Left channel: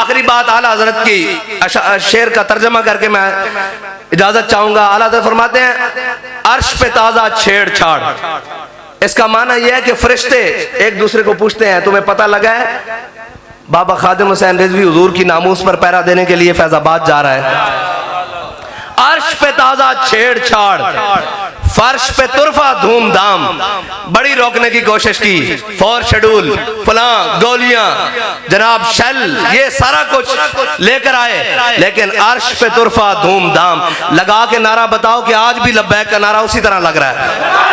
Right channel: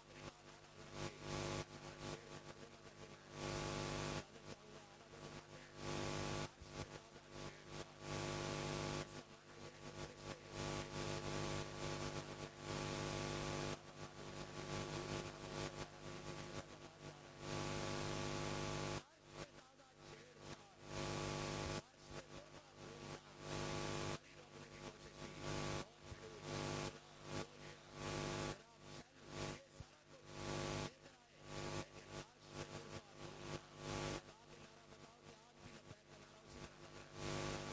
آخری بات اعلیٰ حضرت کی شعر کا ترجمہ کر کے میں اجازت چاہوں گا. اعلیٰ حضرت فرماتے ہیں عرش پہ تازہ چھیڑ چھاڑ. اس کا معنی یہ ہے کہ فرشتے ایک دوسرے کو پوچھتے ہیں تمہیں پتہ لگا ہے بابا خادم حسین رضوی حضور کی ناموس پر پہرا دینے کے لیے فیض آباد جا رہا ہے. عرش پہ تازہ چھیڑ چھاڑ, فرش پہ طرفہ دھوم دھام, بڑی روکنے کی کوشش کی, فور شیڈول, فلاں, گولیاں, جناب شل, یہ سارا کچھ لے کر آئے, لیکن عرش پہ طرفہ دھوم دھام. لگا کے نعرہ بتاؤ کہ آج بھی لبیک کا نعرہ اسی طرح لگ رہا ہے.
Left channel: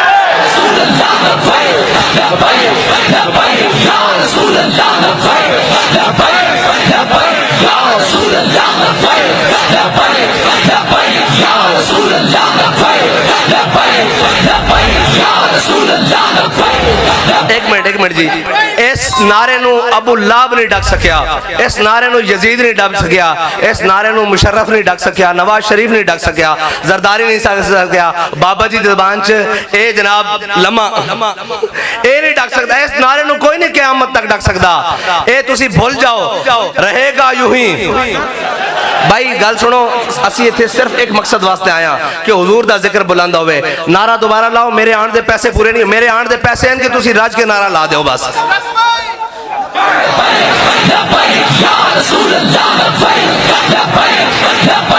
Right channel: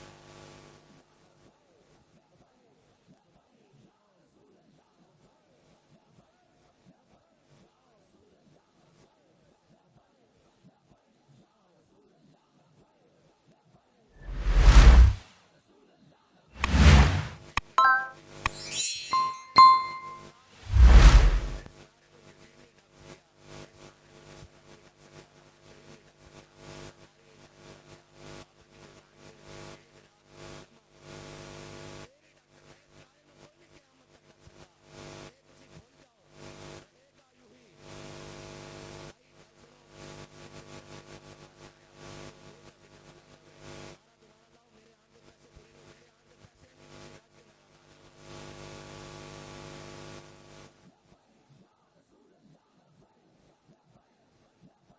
ایک منٹ جی, اس نعرے نو ابو لہب نہیں ڈک سکیا, اس نعرے نو یزید نہیں ڈک سکیا, اس نعرے نو مشرف نہیں ڈک سکیا, نواز شریف نہیں ڈک سکیا, زرداری نہیں سکیا, بابا جی زبان چ اے جناب لمحہ اے نہیں ڈک سکتا. اس نعرے نو کوئی نہیں قیامت تک ڈک سکتا. اے تسی بھول جاؤ, رہے گا یوں ہی. بھائی گل سنو, اسی ایتھے صرف ایک مقصد واسطے آیا کہ حضور دا ذکر بلند ہوئے. نعرہ دوبارہ لاؤ, میرے آن دے پیسے پورے نہیں, میرے آن دے پیسے ہیں کہ تسی راج کے نعرہ لا دیو بس. لبیک یا رسول اللہ, لبیک, لبیک, لبیک.